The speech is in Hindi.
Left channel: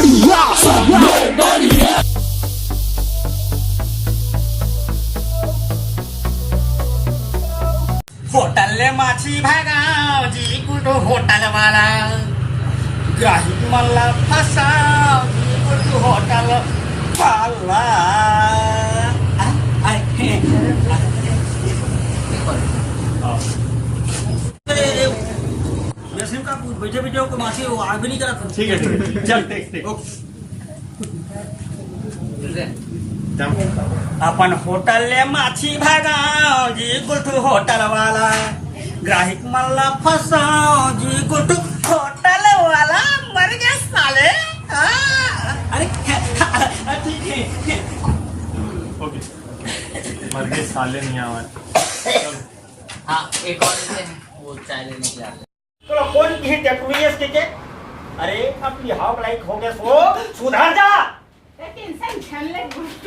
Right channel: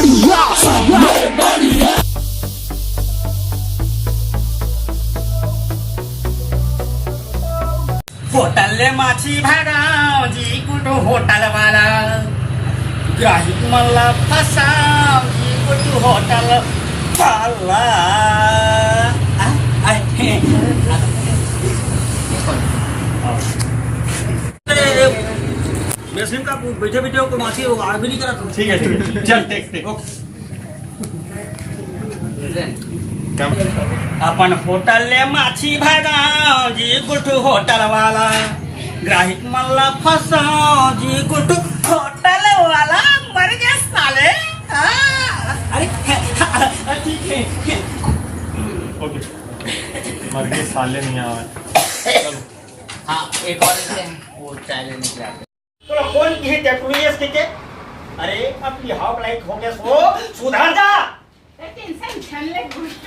बढ़िया होटल माछी भागाव जी कुठं होटल वाला ग्राहक मला फसाव जी कुठं होटल वाला मुस्लिम का बैठे बैठे को माछी वो आग भी नहीं करा ठीक है चल टेक आपण होटल माछी भागाव जी कुठं होटल वाला ग्राहक मला फसाव जी कुठं होटल वाला मर गए साले अरे ठीक है ओके मरने साले नहीं आवे हाँ एक और वो चैलेंज है तुला कोण की टेक्नोलॉजी के अरे आपली हाव लाईक हो गया सो सुधार जा टेन्शन छानले गोष्ट